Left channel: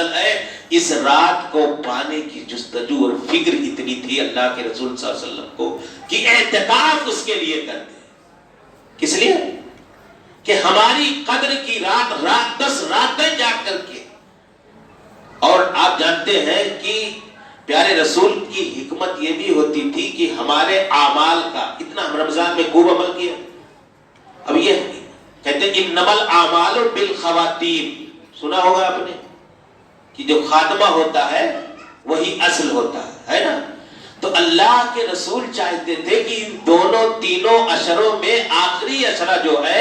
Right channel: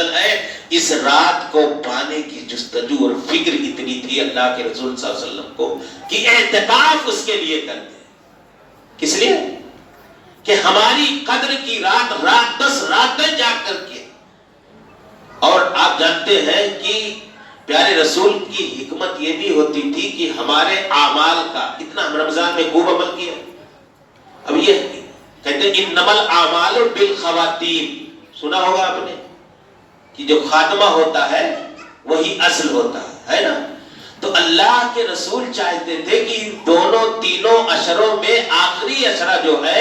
افضل ہے. اس رات کو پانے کی جستجو اور فکر اتنی تھی اللہ کے رسول صلی اللہ علیہ وسلم کو کہ اعتکاف اس کے لیے کرتے. کس لیے؟ کہ ہماری قدر کی رات 10 راتیں جا کر کے. اور آپ جانتے ہیں کہ پیارے رسول کی حکمت یہ بھی ہوتی تھی کہ ہمارے اعمال کا اتنا ہم رمضان میں خوب عمل کیا. اب یہ کہتے ہیں انما الاعمال بالخواتیم، سنا ہوگا آپ نے کہ جو خاتمہ ہوتا ہے وہی اصل ہوتا ہے نا. تو اللہ کے رسول چاہتے تھے کہ ان دونوں تینوں اشروں میں آخری اشرہ جو ہے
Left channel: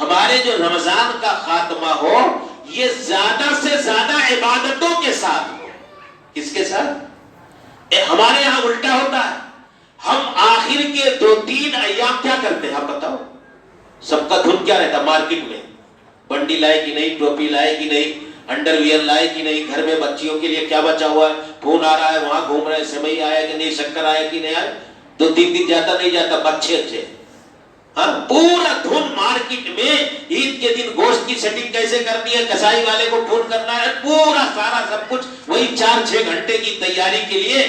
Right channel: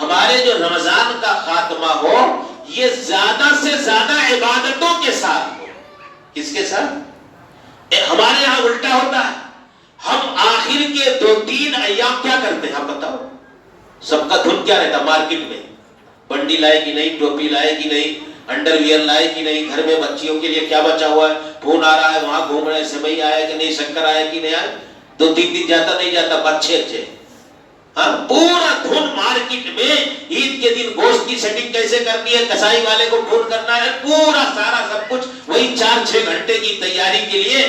ہمارے جو رمضان کا خاتمہ ہو یہ زیادہ سے زیادہ عبادتوں کے ساتھ ہو. کس کے ساتھ؟ ہمارے یہاں الٹا ہوتا ہے. ہم آخر کے 2-3 ایام کیا کرتے ہیں آپ بتاؤ؟ سب کا دھن کیا رہتا مارکیٹ میں؟ بنڈی لائے کہ نہیں، ٹوپی لائے کہ نہیں، انڈر ویئر لائے کہ نہیں، گھر میں بچیوں کے لیے کیا بچا ہوا ہے، فون آ رہا ہے وہاں گھوم رہے ہیں، سیوئی آیا کہ نہیں، شکر آیا کہ نہیں آیا. 2-3 دن جاتا نہیں جاتا اچھے. ہاں پورا دھن مارکیٹ میں عید کے دن گوشت کی سیٹنگ کیسے کرنی ہے، کسائی والے کو فون کرنا ہے، پورا سارا سب کچھ وہی 4-6 گھنٹے کی تیاری کے لیے.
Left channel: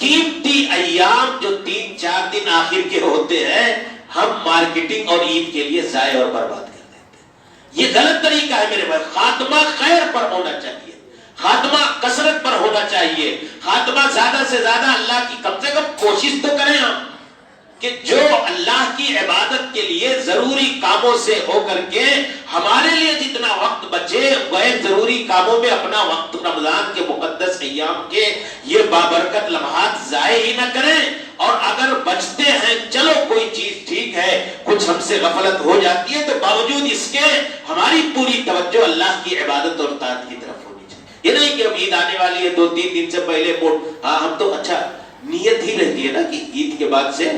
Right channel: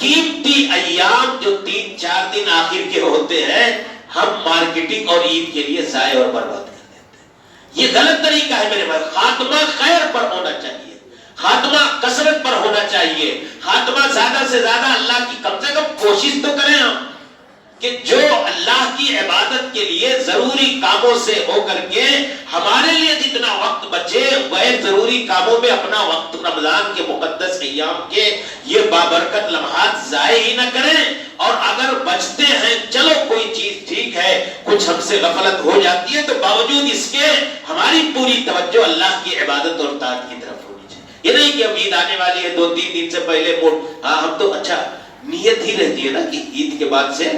قیمتی ایام جو 3-4 دن آخر کے ہوتے ہیں ہم مارکیٹنگ اور عید کے لیے ضائع اور برباد کر دیتے ہیں. یہ غلط طریقہ ہے میرے بھائی. خاتمہ خیر پر ہونا چاہیے، خاتمہ کثرت پر ہونا چاہیے، خاتمہ زیادہ سے زیادہ اللہ کی کم سے کم کوشش تو کریں ہم کہ جو اللہ کی عبادت کے لیے ضروری کاموں سے ہو کر کے ہمارے لیے جتنا وقت بچے غیر ضروری کاموں میں اپنا وقت رمضان کے مقدس ایام کے یہ بابرکت لمحات ضائع ہی نہ کریں. اور اگر بچتے ہیں چلو کوئی چیز ٹھیک ہے، کچھ ہم سے غفلت ہو جاتی ہے تو باوجود اس کے ہماری پوری توجہ اللہ کی عبادت اور طاعت کی طرف ہونی چاہیے. یہ نہیں کہ اب عید آنے والی ہے 2-3 دن سے پہلے ہم تو اچھا نیت ہی رہتی ہے نا کہ عید کے بعد سے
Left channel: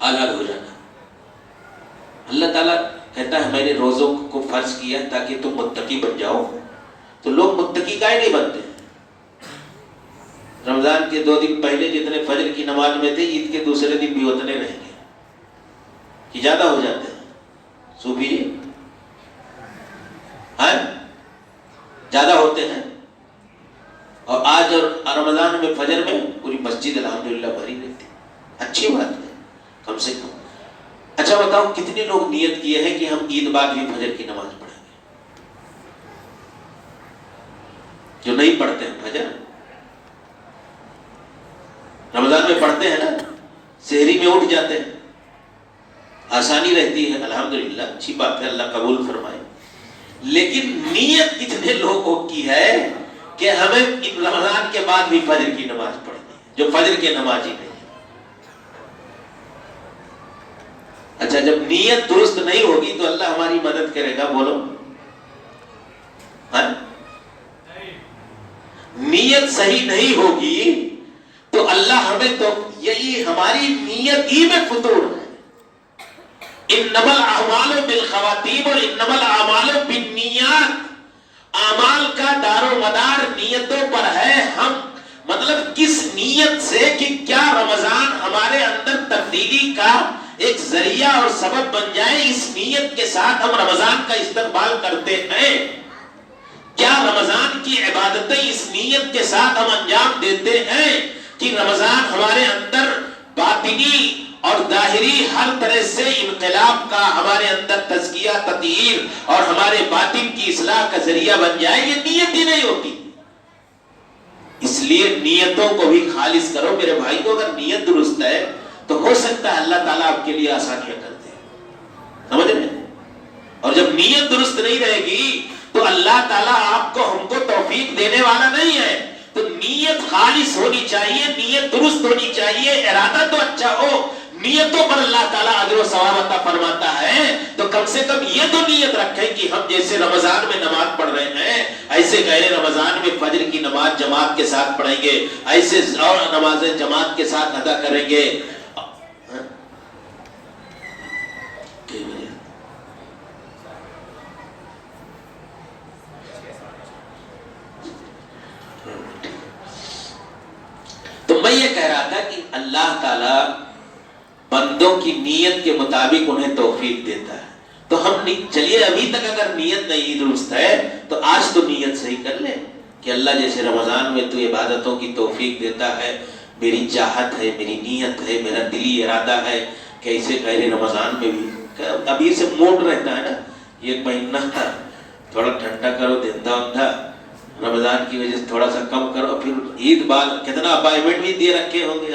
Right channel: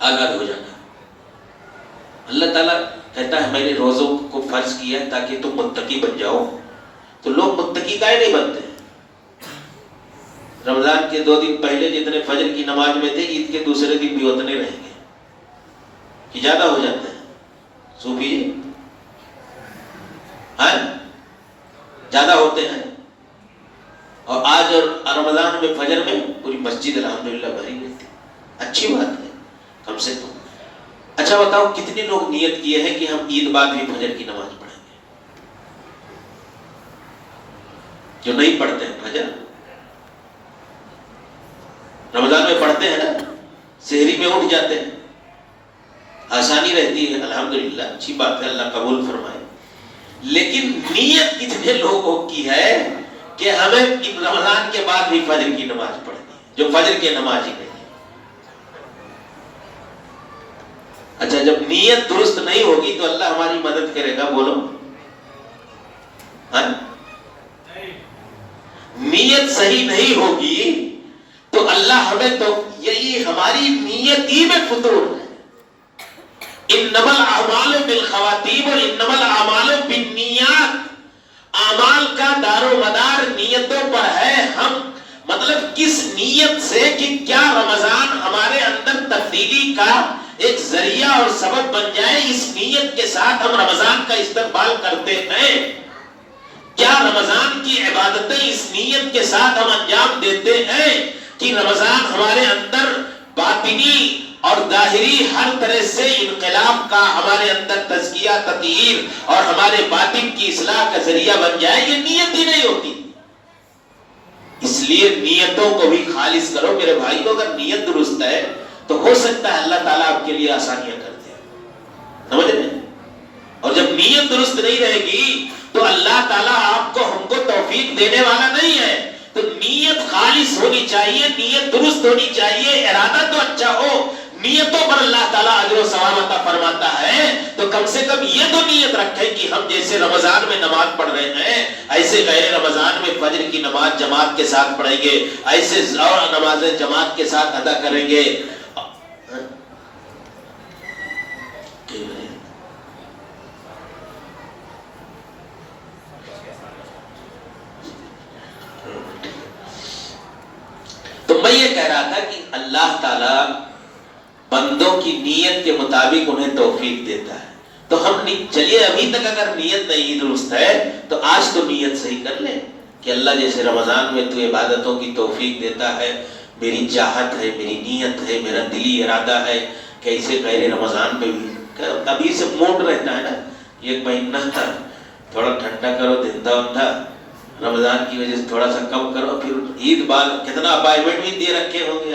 آزاد ہو جانا. اللہ تعالیٰ کہتا ہے میں نے روزوں کو فرض کیا ہے تاکہ تم متقی بن جاؤ. تو لوگ متقی کائے نہیں بنتے؟ رمضان کے 2 دن پہلے جتنے فجر کی نماز میں تھے عید کے دوسرے دن بھی اتنے رہیں گے کہ زیادہ ہو جاتے ہیں. صوفی ہاں زیادہ ہوتے ہیں. اور آج اور رمضان میں فجر میں پوری مسجد الحمدللہ بھری رہتی. اچھی بات ہے کم سے کم. اچھا بتاؤ کتنے لوگ نیت کیے ہیں کہ ہم عید بعد بھی فجر کی نماز پڑھیں گے؟ جو نہیں پڑھتے ہیں فجر رمضان میں پڑھتے ہیں نا، سحری میں اٹھ جاتے ہیں، آسانی رہتی ہے الحمدللہ، اچھی بات ہے، اللہ قبول فرمائے. لیکن نیت کتنے لوگوں کی ہے کہ ہمیں رمضان کے بعد بھی فجر کی نماز پڑھنی ہے جو فجر کی نماز ہی نہیں ہے. اچھا جب نیت درست نہیں ہوگی تو اللہ ہماری مدد کرے گا؟ بولو ہاں؟ نیت صحیح نہیں ہوگی تو اللہ ہمیں تو یہی ہماری نیت ہی میں فطور ہے. انما الاعمال بالخواتیم اور انما الاعمال بالنیات. اعمال کا دار و مدار نیتوں پر ہے. ہم مطلب کس نیت سے کہ کیا رمضان ہمارے اندر تبدیلی کا ایک ذریعہ اور سبب بن جائے، اس نیت کے ساتھ ہم رمضان کا استقبال کرتے ہیں. کیا رمضان کی عبادتیں اس نیت کے ساتھ ہم انجام دیتے ہیں کہ رمضان ہمارے اندر باطنی اور ظاہری ہر طرح سے انقلاب کا، ہمارے اندر تزکیہ تطہیر اور ہمارے باطن کی اصلاح کا ذریعہ بن جائے؟ یہ نیت ہی نہیں ہوتی. اس لیے نیتوں کو بھی خالص کرو میرے بھائی. کو اگر نیت درست ہے تو ہو سکتا ہے اللہ تعالیٰ آپ کے لیے آسانیاں کر دے. سمجھ رہے ہیں؟ اور جب نیت درست نہیں رہے گی تو اللہ تعالیٰ آپ کو ہم کو توفیق دینے والا نہیں ہے. تو نیت خالص ہونی چاہیے، نیت درست ہونی چاہیے، ارادہ تو اچھا ہو. نیتوں پر اللہ تعالیٰ اجر و ثواب عطا فرماتا ہے. تو کم سے کم یہ تو نیت رکھیں کہ ہم جیسے رمضان میں نماز پڑھ رہے ہیں ایسے غیر رمضان میں فجر کی نماز جماعت کے ساتھ پڑھیں گے، ایسے اور نمازیں جماعت کے ساتھ ادا کریں گے. تو میں یہ کہہ رہا تھا کہ اللہ تعالیٰ بندوں کی نیت کے مطابق انہیں توفیق دیتا ہے. تو ہم چلیے ابھی تک اگر نیت نہیں درست ہے تو آج تو نیت صحیح کر لیں کہ اللہ جیسے رمضان میں تو عبادتوں کی توفیق دیتا ہے، میری چاہت ہے، میری نیت ہے، میرا دلی ارادہ ہے کہ ایسے پہلے رمضان میں بھی ابھی سے موڈ رہتا ہے نا، ایک مہینہ تھا تھوڑا ٹھنڈا کرو دھندا وندھا، رمضان کی وجہ سے تھوڑا سا کم کرو، پھر عید بعد کتنا اپائنٹمنٹ بھی دے رکھے ہوں گے،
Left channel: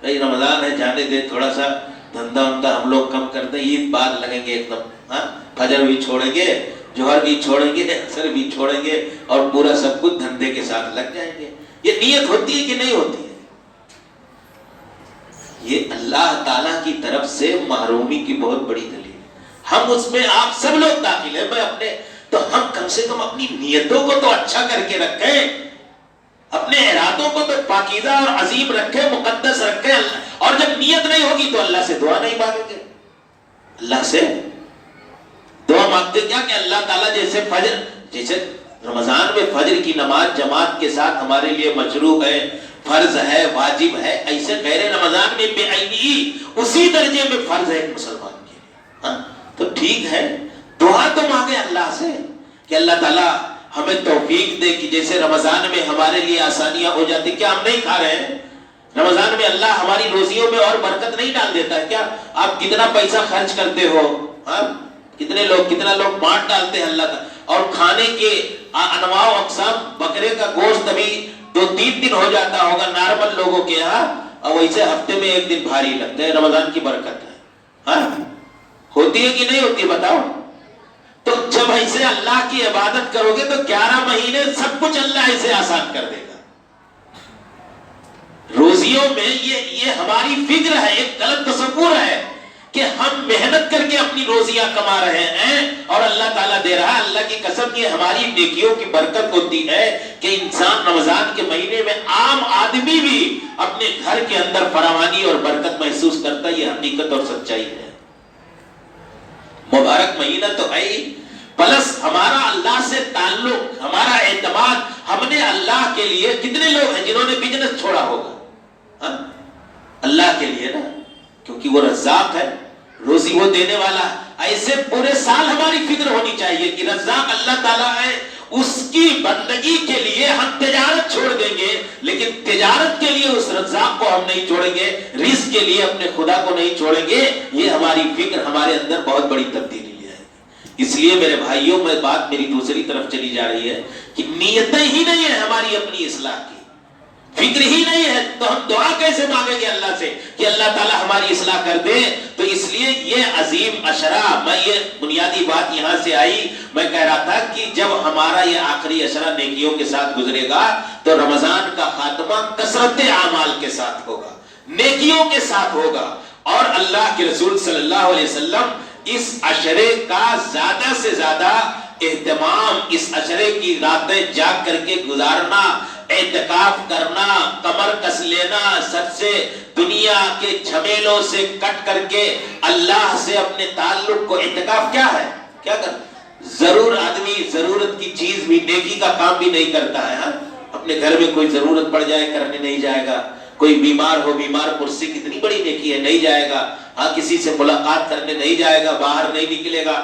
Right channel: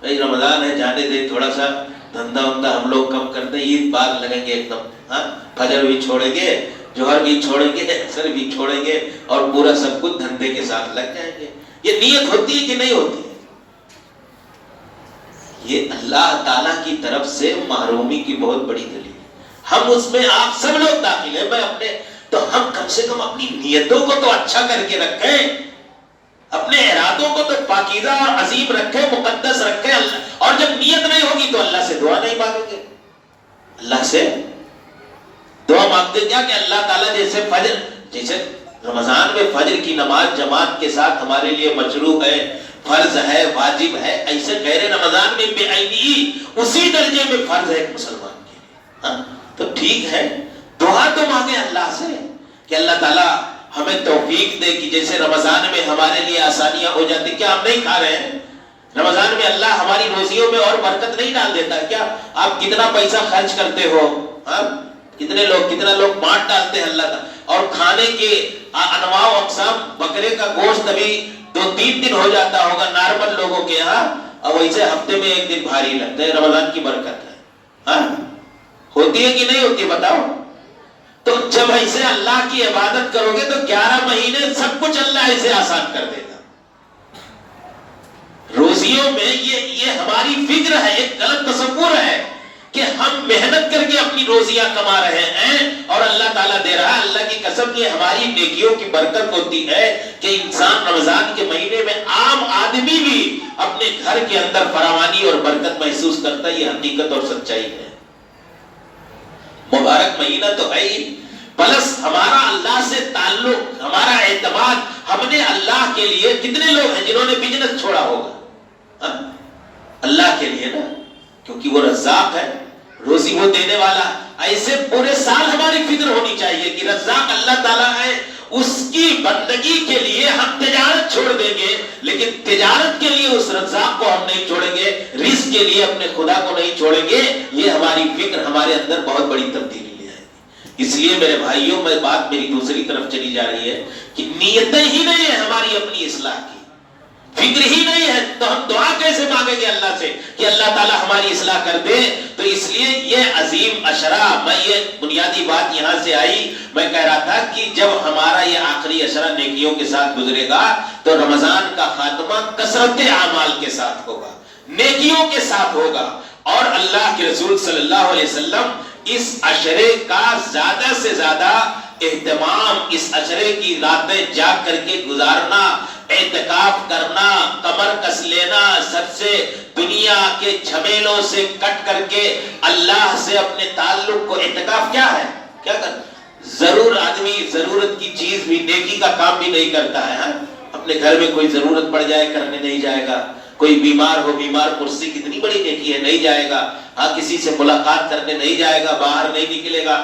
بھائی رمضان ہے جانے دے، تھوڑا سا دھندا وندھا ہم لوگ کم کرتے ہیں، عید بعد لگیں گے ایک دم، فجر بھی چھوڑیں گے، جوہر بھی چھوڑیں گے، عصر بھی چھوڑیں گے، اور پورا سب کچھ دھندے کے ساتھ لگ جائیں گے۔ یہ نیت ہوتی ہے کہ نہیں ہوتی ہے؟ یہ اللہ تعالیٰ کی طرف سے محرومی کی بہت بڑی دلیل۔ ہم اس میں آپ سب لوگ داخل ہیں، میں اپنے، تو ہم کم سے کم اپنی نیتوں کو تو اچھا کر کے رکھیں، اپنے ارادوں کو تو پاکیزہ اور عظیم رکھیں، مقدس رکھیں، اور جب نیت نہیں ہوگی تو اللہ سے دعا نہیں مانگیں گے۔ اللہ سے دعا مانگتے کیا کہ اللہ تعالیٰ جیسے رمضان میں فجر کی نماز جماعت کے ساتھ ہمارے لیے مشروع ہے، فرض ہے، واجب ہے، ایسے غیر رمضان میں بے عینی اسی درجے میں فرض ہے مسلمان کے لیے، تو ٹھیک ہے، دعا تو مانگے اللہ سے کہ اللہ تعالیٰ ہمیں توفیق دے کہ جیسے رمضان میں ہمارے لیے آسانیاں ہو جاتی، کیا ہم نہیں کھا رہے ہیں رمضان میں؟ اللہ ہماری روزیوں میں اور برکت نہیں ڈال دیتا ہے کیا؟ آپ کتنا پیسہ خرچ کرتے ہو، کتنا لوگ بانٹ ڈالتے ہیں اللہ تعالیٰ، اور کھانے کے انواع و اقسام، بکرے کا گوشت ابھی 2-3 دن ہو جاتا ہوگا نارمل لوگوں کے یہاں، اور ویسے ہفتے میں 1 دن بھاری لگتا ہے، رمضان کی برکت ہے، ہوتی ہے کہ نہیں ہوتی بتاؤ؟ تو جب ایسے اللہ کی عبادت کرو گے تو 11 مہینے سب کچھ اللہ ایسے آسان کر دے گا۔ روزیوں میں یہ ہماری فکر ہے، ایک غلط تصور ہے کہ ہم محنت کر کے اپنی روزیاں کما رہے ہیں اور اللہ تعالیٰ دے رہا ہے۔ اللہ کی قسم یہ ہماری نیکیوں کی برکت ہوتی ہے کہ انسان رمضان کے مہینے میں، عام آدمی بھی اپنے گھر کے اندر فراوانی اور برکت محسوس کرتا ہے۔ یہ حقیقت اور سچائی ہے، مبارک مہینہ تو ہے ہی، پلس ہمارا اللہ سے تعلق، ہمارا اعتماد، ہم نے اللہ کے لیے، کتنے لوگ ہیں جنہوں نے بزنس چھوڑا ہوگا اللہ کے لیے نا، کیونکہ وہ رزاق ہے، روزی وہ دینے والا۔ ایسے پورے سال ہماری فکر ہونی چاہیے کہ رزاق اللہ تعالیٰ ہے، اس کی بندگی کے لیے ہم تجارت چھوڑ دیں گے، لیکن تجارت کے لیے اس رزاق کو ہم نہیں چھوڑیں گے، رزق کے لیے اپنے خدا کو نہیں چھوڑیں گے۔ یہ ہماری فکر ہمارے اندر بہت بڑی تبدیلی لے آئے گی۔ اس لیے میرے بھائیوں، میں بات میری دوسری طرف چلی جا رہی ہے کہ نیتیں ہی نہیں ہے ہماری اپنی اصلاح کی، فکر ہی نہیں ہے، تو ہم دعا کیسے مانگیں گے اللہ سے کہ اللہ تعالیٰ ہماری اصلاح کر دے؟ تو اس لیے یہ عظیم عشرہ، میں یہ بنیادی بات یہاں سے آئی، میں کہہ رہا تھا کہ جب ہمارا یہ آخری عشرہ نیکیوں کے ساتھ گزرے گا تو رمضان کا خاتمہ کثرت اعمال کے ساتھ ہوگا، نیکیوں کے ساتھ ہوگا، اور اللہ کے رسول صلی اللہ علیہ وسلم اس عشرے کا زیادہ سے زیادہ اہتمام، اس عشرے کی راتیں جاگ کر کے گزارنا، اعتکاف کرنا، کمر کس لینا، سب سے دنیا کے جھمیلوں سے کٹ کر کے اللہ سے اپنے تعلق کو، اعتکاف کیا ہے؟ کیا کر ضرور آدمی ضرورت کی چیز بھی، نیکی کا کام بھی نہیں کرتا ہے، اپنے گھر میں کوئی ضرورت پڑ جائے کرنے نہیں جائے گا، کوئی بیمار ہو، بیمار پرسی کتنی بڑی نیکی ہے، نہیں جائے گا، کسی سے ملاقات کرنے نہیں جائے گا، باہر نہیں نکلے گا۔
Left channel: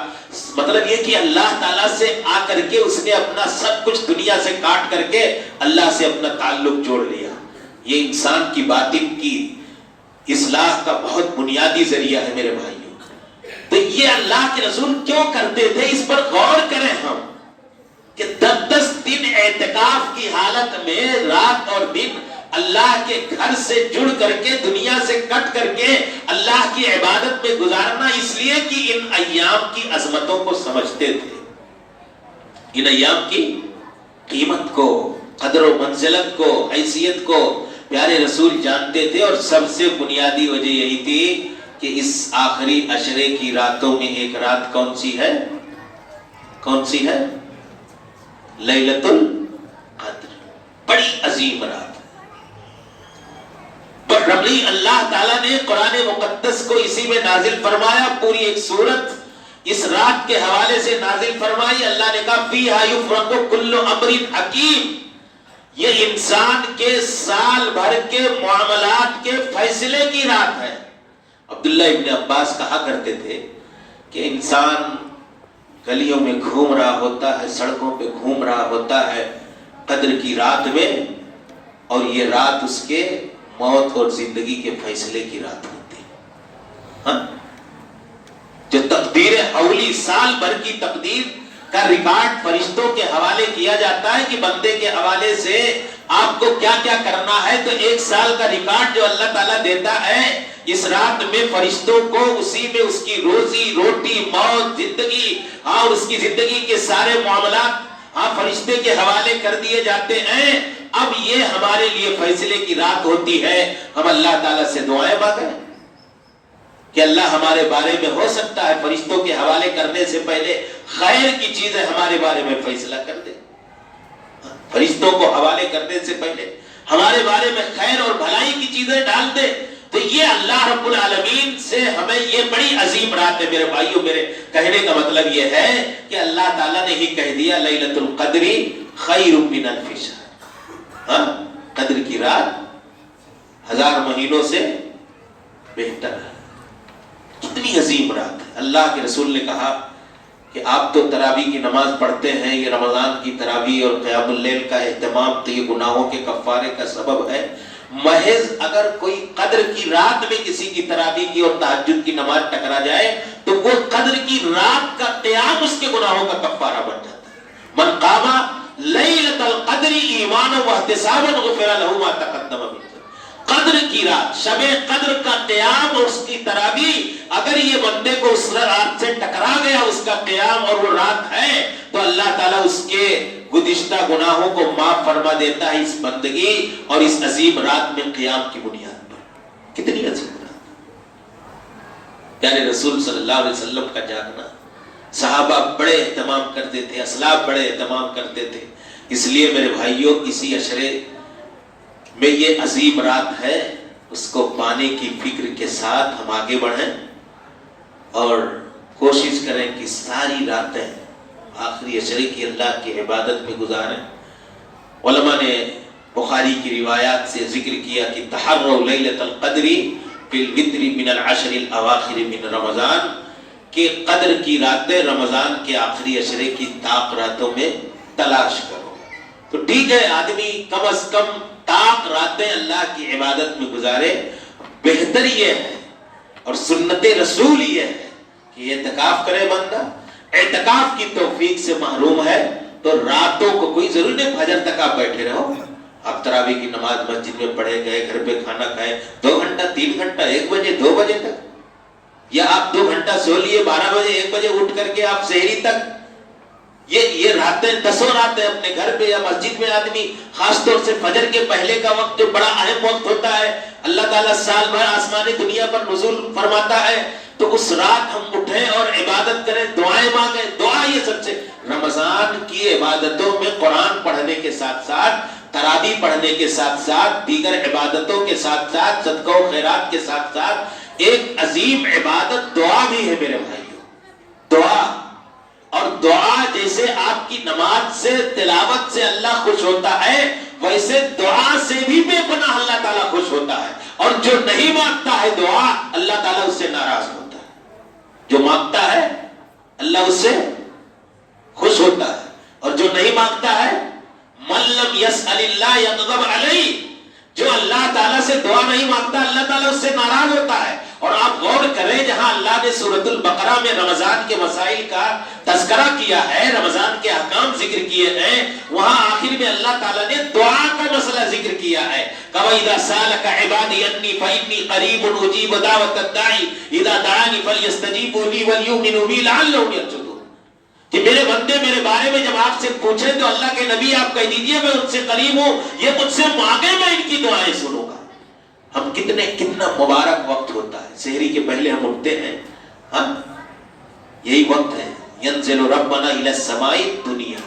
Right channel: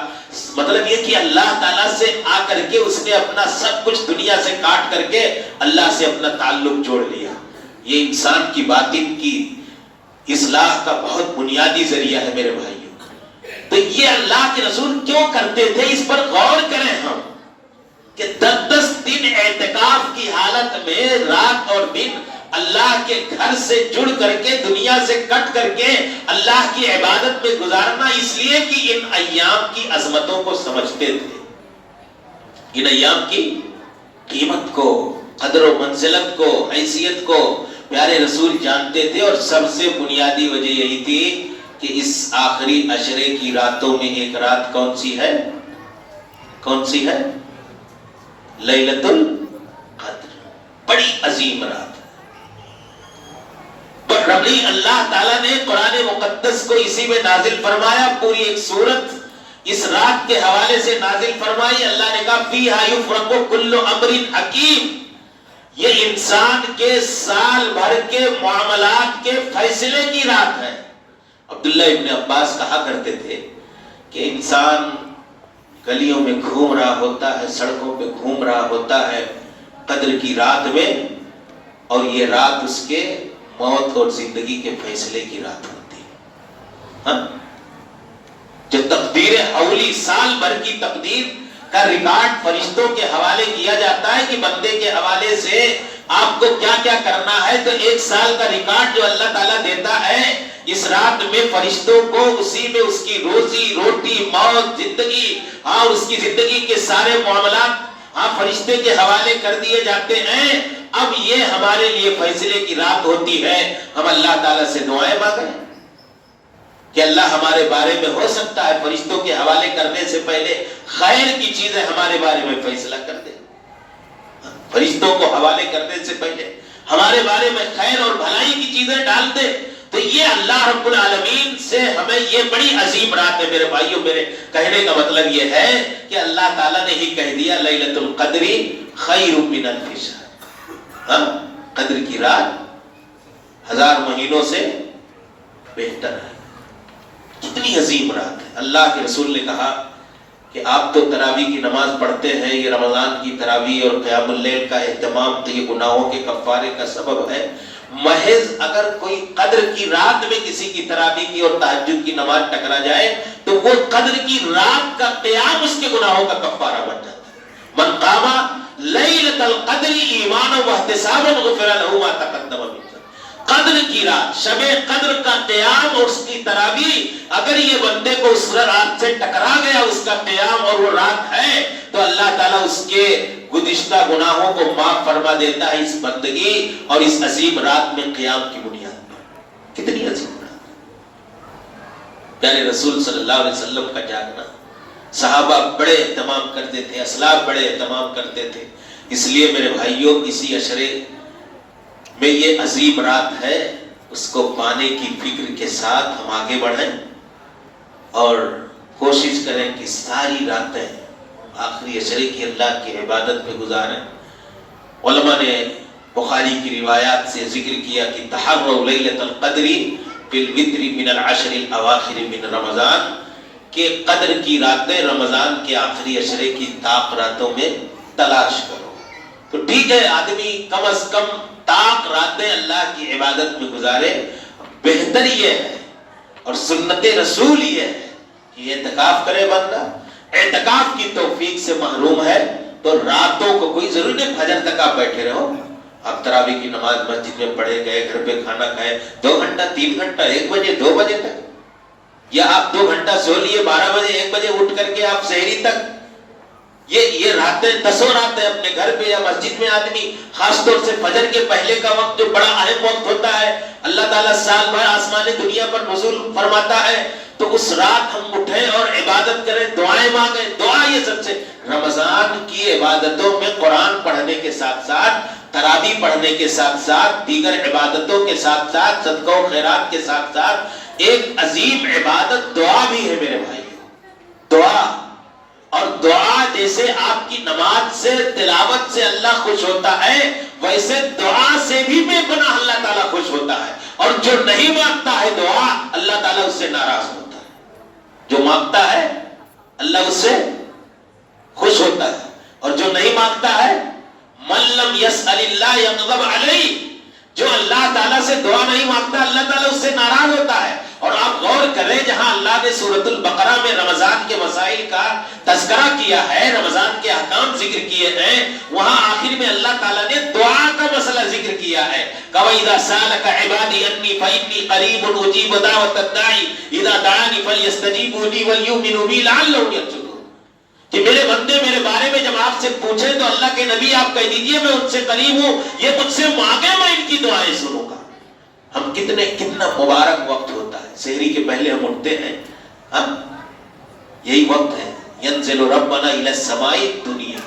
مطلب یہ کہ اللہ تعالیٰ سے آ کر کے اس نے اپنا سب کچھ دنیا سے کاٹ کر کے اللہ سے اپنا تعلق جوڑ لیا۔ یہ انسان کی باطن کی اصلاح کا بہت بنیادی ذریعہ ہے میرے بھائیوں۔ تو یہ اللہ کے رسول کیوں کرتے تھے، اس پر غور کریں ہم کہ 10 دن اعتکاف کی حالت میں رات اور دن اللہ کے گھر سے جڑ کر کے، دنیا سے کٹ کر کے اللہ کی عبادت میں گزارنا، اس لیے کہ ان ایام کی عظمتوں کو سمجھتے تھے، ان ایام کی قیمت کو، قدر و منزلت کو، حیثیت کو پیارے رسول جانتے تھے۔ اور سب سے بنیادی وجہ یہی تھی کہ اس آخری عشرے کی راتوں میں ایک رات کون سی ہے؟ کون سی ہے؟ لیلۃ القدر، بڑی عظیم رات۔ ربی اللہ تعالیٰ نے قرآن مقدس کو اسی میں نازل فرمایا، پوری ایک سورت اس رات کے حوالے سے نازل فرمائی۔ اللہ نے کہا فیہا یفرق کل امر حکیم، یہ انسان کے سال بھر کے معاملات کے فیصلے کی رات ہے۔ عبداللہ ابن عباس کہا کرتے تھے کہ انسان گلیوں میں گھوم رہا ہوتا ہے, سڑکوں پہ گھوم رہا ہوتا ہے قدر کی رات میں, اور یہ رات اس کے موت اور زندگی کے فیصلے کی رات ہوتی ہے. ہاں, جو تقدیر اولی سال بھر کی تقدیر کا ریکارڈ فرشتوں کے حوالے کیا جاتا ہے کہ بندے کے حوالے سے آپ کو کیا کیا کرنا ہے, تو ایک سال کا ریکارڈ جو اللہ تعالیٰ دیتا ہے اس رات میں فرشتوں کو اسی میں اس کی روزی روٹی موت زندگی اور اس کی زندگی کے سارے معاملات فرشتے کے حوالے کر دیے جاتے ہیں. اب یہ ہمارے لیے فیصلے کی رات ہوتی ہے. ہم اللہ تعالیٰ سے دعائیں مانگیں کہ اللہ ہمارے بارے میں ہو سکتا ہے فرشتوں کے حوالے کرنے سے پہلے خیر کی چیزیں ہمارے بارے میں فیصلہ کر دے. فرشتوں کو حوالے کرنے سے پہلے ہمارے بارے میں خیر اور بھلائی کی چیزیں ڈال دے. تو یہ اللہ رب العالمین سے ہمیں یہ بڑی عظیم رات ہے میرے بھائیوں. میرے کہنے کا مطلب یہ ہے کہ اللہ تعالیٰ نے ہی کہہ دیا لیلۃ القدر خیر من الف شہر. قدر کی رات 1000 مہینوں سے بہتر ہے. کتنی عظیم رات ہے. اللہ کے رسول نے کہا کہ آپ تو تراویح کی نماز پڑھتے ہیں, یہ رمضان کی تراویح اور قیام اللیل کا اہتمام تو یہ گناہوں کے کفارے کا سبب ہے. محض اگر کوئی قدر کی رات میں کسی کی تراویح کی اور تہجد کی نماز ٹکرا جائے تو وہ قدر کی رات کا قیام اس کے گناہوں کا کفارہ بن جاتا ہے. من قام لیلۃ القدر ایمانا واحتسابا غفر له ما تقدم من ذنبه. قدر کی رات, شب قدر کا قیام اور اس کی تراویح اگر یہ بندے کو اس رات سے ٹکرا گیا, اس کا قیام اور وہ رات ہے, تو اللہ تعالیٰ اس کے گزشتہ گناہوں کو معاف فرما دیتا ہے اس بندگی اور اس عظیم رات میں قیام کی بنیاد پر. کتنی عظیم رات. پیارے رسول صلی اللہ علیہ وسلم کا جاگنا صحابہ بڑے اہتمام کرتے تھے, اسلاف بڑے اہتمام کرتے تھے. اس لیے میرے بھائیوں اسی عشرے میں یہ عظیم رات ہے, اس کو پانے کی فکر کے ساتھ ہم آگے بڑھیں اور کوشش کریں کہ ساری راتیں آخری عشرے کی اللہ کی عبادت میں گزاریں. علماء نے بخاری کی روایات سے ذکر کیا کہ تحروا لیلۃ القدر فی الوتر من العشر الاواخر من رمضان, کہ قدر کی راتیں رمضان کے آخری عشرے کی طاق راتوں میں تلاش کرو. تو ٹھیک ہے آدمی کم از کم طاق راتیں اللہ کی عبادت میں گزارے. بہتر یہ ہے اور سنت رسول یہ ہے کہ اعتکاف کرے بندہ. اعتکاف کی توفیق سے محروم ہے تو راتوں کو کوئی ضروری نہیں فجر تک آپ بیٹھے رہو. آپ تراویح کی نماز مسجد میں پڑھے گئے, گھر پہ کھانا کھائے 2 گھنٹہ 3 گھنٹہ 1 بجے 2 بجے تک, یا آپ 2 گھنٹہ سو لیے 12 بجے 1 بجے اٹھ کر کے آپ سحری تک. یہ راتیں 10 راتیں اپنے گھر پہ یا مسجد میں آدمی, خاص طور سے فجر کے پہلے کا وقت جو بڑا اہم وقت ہوتا ہے, اللہ تعالیٰ سال بھر آسمان دنیا پر نزول فرماتا ہے, تو اس رات ہم اٹھیں اور عبادت کریں, دعائیں مانگیں. دعا یہ سب سے رمضان کی عبادتوں میں قرآن پڑھنے کے ساتھ ساتھ, تراویح پڑھنے کے ساتھ ساتھ, دیگر عبادتوں کے ساتھ ساتھ, صدقہ و خیرات کے ساتھ ساتھ ایک عظیم عبادت دعا بھی ہے میرے بھائیوں. دعا, اور دعا جیسے آپ کی نماز سے تلاوت سے اللہ خوش ہوتا ہے, ویسے دعا سے بھی بے پناہ اللہ تعالیٰ خوش ہوتا ہے. اور جو نہیں مانگتا ہے دعا, اللہ تعالیٰ اس سے ناراض ہوتا ہے. جو مانگتا ہے اللہ اس سے خوش ہوتا ہے, اور جو نہیں مانگتا ہے من لم یسأل اللہ یغضب علیہ, جو اللہ تعالیٰ سے دعا نہیں مانگتا اللہ تعالیٰ اس سے ناراض ہوتا ہے. اور آپ غور کریں, جہاں اللہ نے سورۃ البقرہ میں رمضان کے مسائل کا تذکرہ کیا ہے, رمضان کے احکام ذکر کیے ہیں, وہاں آخر میں اللہ تعالیٰ نے دعا کا مسئلہ ذکر کیا ہے. وَإِذَا سَأَلَكَ عِبَادِي عَنِّي فَإِنِّي قَرِيبٌ أُجِيبُ دَعْوَةَ الدَّاعِ إِذَا دَعَانِ فَلْيَسْتَجِيبُوا لِي وَلْيُؤْمِنُوا بِي لَعَلَّهُمْ يَرْشُدُونَ. کہ میرے بندے میرے بارے میں جب آپ سے پوچھیں تو اللہ کے نبی آپ کہہ دیجئے میں ان سے قریب ہوں, یہ مجھ سے مانگے میں ان کی دعائیں سنوں گا. ہم کتنا مبارک وقت ہوتا ہے. سحری کے پہلے ہم اٹھتے ہیں, ہم یہی وقت ہے ینزل ربنا الی السماء الدنیا,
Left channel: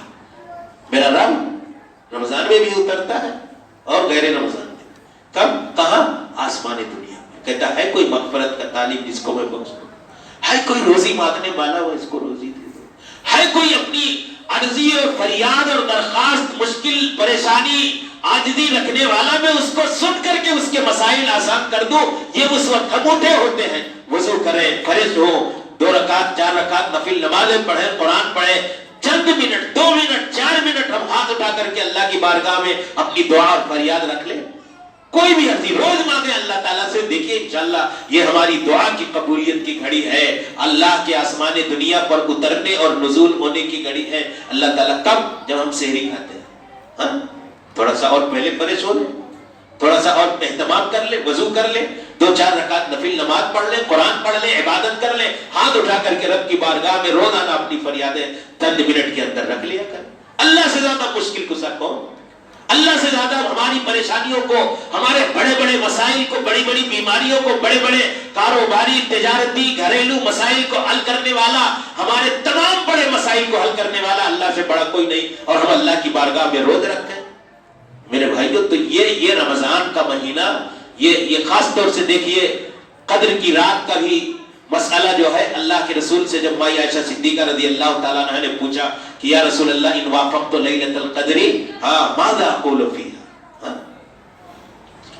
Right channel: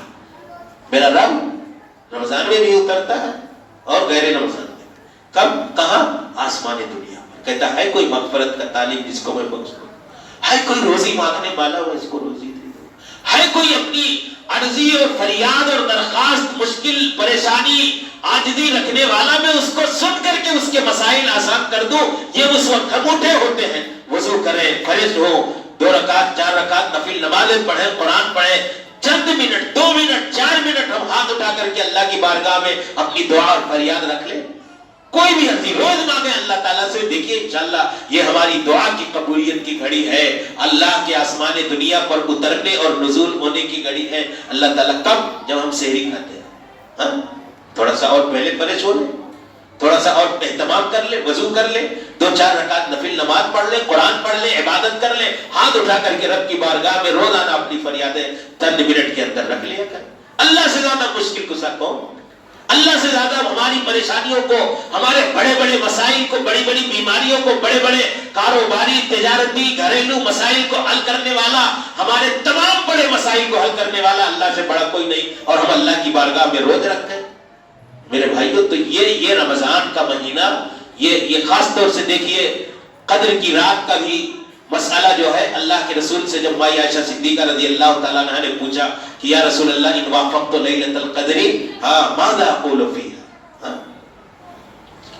میرا رب رمضان میں بھی اترتا ہے اور غیر رمضان میں. کب کہاں؟ آسمان دنیا میں. کہتا ہے کوئی مغفرت کا طالب جس کو میں بخش دوں, ہے کوئی روزی مانگنے والا ہو اس کو روزی دے دو, ہے کوئی اپنی عرضی اور فریاد اور درخواست مشکل پریشانی عاجزی رکھنے والا, میں اس کو سن کر کے اس کے مسائل آسان کر دوں. یہ اس وقت ہم اٹھے ہوتے ہیں, وضو کریں, فرش ہو, 2 رکعت 4 رکعت نفل نمازیں پڑھیں، قرآن پڑھیں، چند منٹ 2 منٹ 4 منٹ ہم ہاتھ اٹھا کر کے اللہ کی بارگاہ میں اپنی دعا اور فریاد رکھ لیں، کوئی بھی حرضی روز مانگیں اللہ تعالیٰ سے. دیکھیے انشاءاللہ یہ ہماری دعا کی قبولیت کی گھڑی ہے، اللہ کے آسمان دنیا پر اترنے اور نزول ہونے کی گھڑی ہے. اللہ تعالیٰ کب؟ جب ہم سحری کھاتے ہیں. ہاں تھوڑا سا اور پہلے پریش ہو لیں، تھوڑا سا اور اہتمام کر لیں، وضو کر لیں، 2-4 رکعت نفل نماز پڑھ لیں، قرآن پڑھ لیں، عبادت کر لیں، ہاتھ اٹھا کر کے رب کی بارگاہ میں روزانہ اپنی فریادیں چند منٹ کے اندر رکھ لیا کریں. اللہ سے زیادہ مشکل کشا کون؟ اللہ سے زیادہ ہماری پریشانیوں کو، ہمارے بڑے بڑے مسائل کو، بڑی بڑی بیماریوں کو، بڑے بڑے کاروباری تجارتی گھریلو مسائل کو حل کرنے والا، ہمارے تمام بڑے مسائل کو حل کرنے والا اللہ سے بڑا کوئی نہیں. اور ہم اللہ کی بارگاہ میں روز رکھتے ہیں. میرے بھائیوں تو یہ رمضان کا مہینہ، یہ خاص طور سے دیکھیے قدر کی رات کا بھی مسئلہ جو ہے اللہ کے رسول سے جب مائی عائشہ صدیقہ رضی اللہ تعالیٰ عنہ نے پوچھا کہ یا رسول اللہ ان وافقت لیلۃ القدر ماذا اقول فیہا،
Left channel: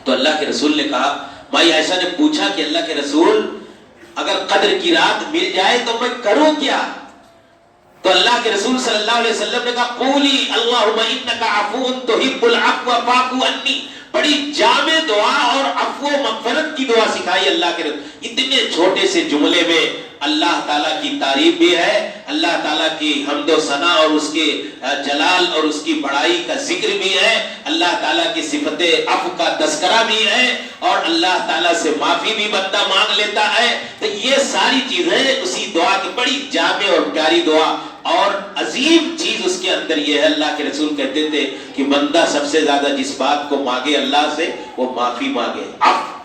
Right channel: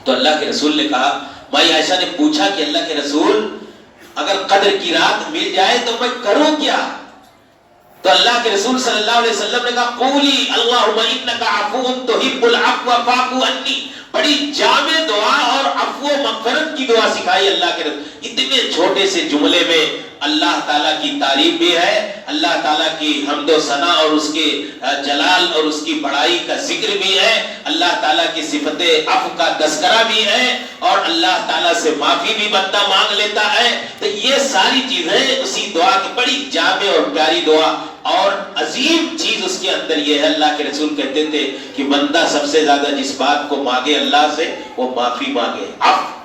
تو اللہ کے رسول نے کہا، مائی عائشہ نے پوچھا کہ اللہ کے رسول اگر قدر کی رات مل جائے تو میں کروں کیا؟ تو اللہ کے رسول صلی اللہ علیہ وسلم نے کہا قولی اللہم انک عفو تحب العفو فاعف عنی. بڑی جامع دعا اور عفو و مغفرت کی دعا سکھائی اللہ کے رسول. اتنے چھوٹے سے جملے میں اللہ تعالیٰ کی تعریف بھی ہے، اللہ تعالیٰ کی حمد و ثنا اور اس کے جلال اور اس کی بڑائی کا ذکر بھی ہے، اللہ تعالیٰ کی صفت عفو کا تذکرہ بھی ہے، اور اللہ تعالیٰ سے معافی بھی بندہ مانگ لیتا ہے. تو یہ ساری چیزیں اسی دعا کی بڑی جامع اور پیاری دعا. اور عظیم چیز اس کے اندر یہ ہے، اللہ کے رسول کہتے تھے کہ بندہ سب سے زیادہ جس بات کو مانگے اللہ سے وہ معافی مانگے،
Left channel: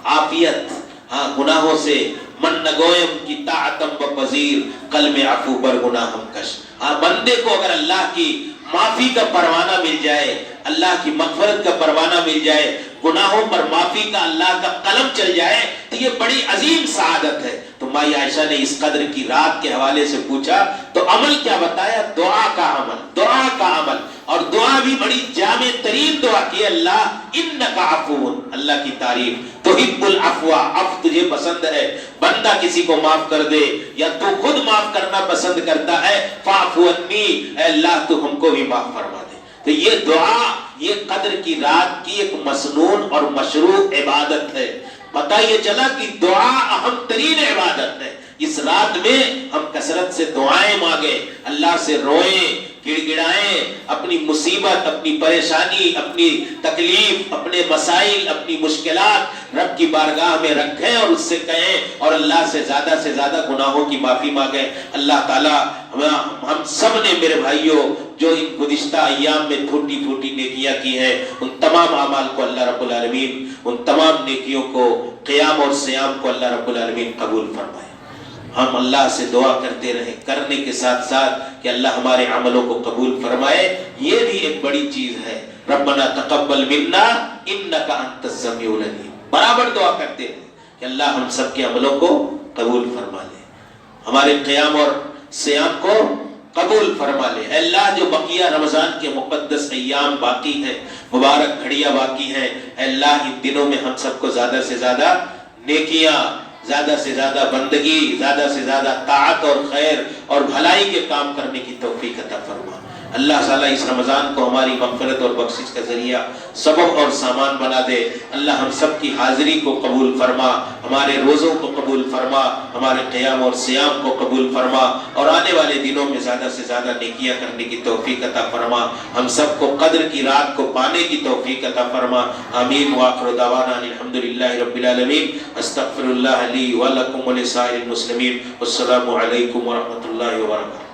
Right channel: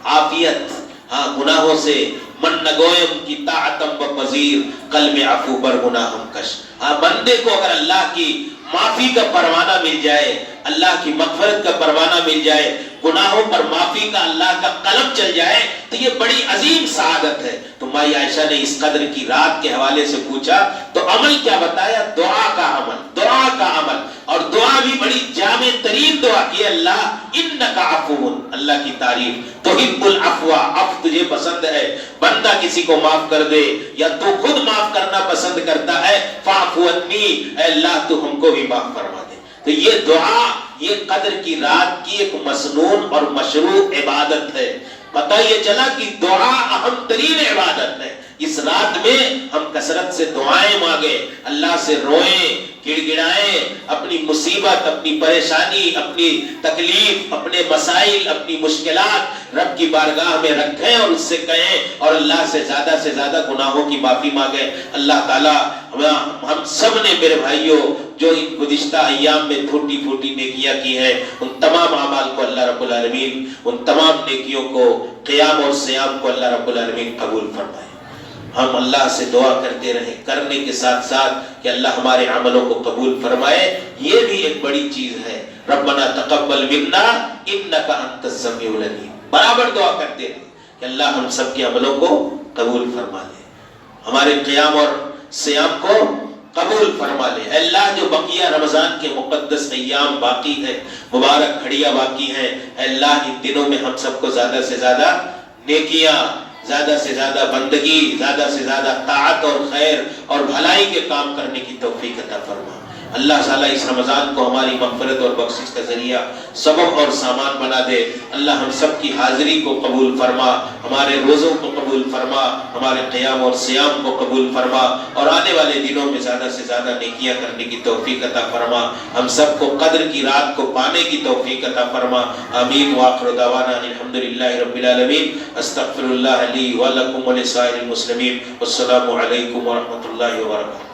عافیت. ہاں گناہوں سے من نگویم کی طاعتم بپذیر قلب عفو بر گناہم کش. ہاں بندے کو اگر اللہ کی معافی کا پروانہ مل جائے، اللہ کی مغفرت کا پروانہ مل جائے، گناہوں پر معافی کا اللہ کا قلم چل جائے تو یہ بڑی عظیم سعادت ہے. تو مائی عائشہ نے اس قدر کی رات کے حوالے سے پوچھا تو عمل کیا بتایا؟ دعا کا عمل، دعا کا عمل. اور دعا بھی بڑی جامع ترین دعا کی، اللہ انک عفو، اللہ کی تعریف، تحب العفو، عفو تجھے پسند ہے، بندہ کسی کو معاف کر دے یا تو خود معاف کرنا پسند کرتا ہے، فاعف عنی، اے اللہ تو ہم کو بھی معاف فرما دے. تو یہ دعا یہ قدر کی رات کی ایک مسنون اور مشروع عبادت ہے. پتہ یہ چلا کہ دعا اہم ترین عبادت ہے. اس رات میں ہم کثرت سے دعائیں مانگیں، اللہ سے روئیں، گڑ گڑائیں، اپنی مصیبت، اپنی پریشانی، اپنی تکلیف، اپنے مسائل، اپنی مشکلات رب کی بارگاہ میں رکھیں اور اس سے کہیں، اور اللہ سے زیادہ گناہوں کی معافی مانگیں. اللہ تعالیٰ ہم سب نے میرے بھائیوں جو ان گزشتہ ایام میں پھوٹی پھوٹی نیکیاں کی ہیں، ان تمام اعمال کو اللہ رب العالمین، ان تمام نیکیوں کو، قیام اور صیام کو اللہ رب العالمین قبول فرمائے. ہم اللہ سے دعا کرتے رہیں، کرنے کے ساتھ ساتھ کہ اللہ ہمارے عملوں کو قبول فرمائے. یہ بھی ایک بڑی چیز ہے. ربنا تقبل منا انک انت السمیع العلیم. برابر دعا کرتے رہیں کہ اللہ ہم سب کے عملوں کو قبول فرما لے، ہمارے قیام اور صیام کو قبول فرما لے. اے اللہ جو بقیہ رمضان کے مقدس ایام باقی ہیں، مبارک گھڑیاں باقی ہیں، اے اللہ ان دنوں میں ہم سب کو زیادہ سے زیادہ نیکیاں، زیادہ سے زیادہ بندگی، زیادہ سے زیادہ طاعت اور خیر اور بھلائی کے کام کرنے کی توفیق عطا فرما. اللہ تعالیٰ اس رمضان کو ہماری مغفرت اور بخشش کا ذریعہ، سبب اور سامان بنا دے. اللہ ہم سب کی حاضری کو قبول فرما، ہمارے روزوں کو قبول فرما، ہمارے قیام اور صیام کو قبول فرما، اور آنے والے دنوں میں زیادہ سے زیادہ نیکیاں کرنے کی توفیق عطا فرما. ہم سب کو قدر کی رات کو پانے کی توفیق عطا فرما. آمین. وآخر دعوانا الحمدللہ رب العالمین. استغفر اللہ لی ولکم ولسائر المسلمین. والسلام علیکم ورحمۃ اللہ وبرکاتہ.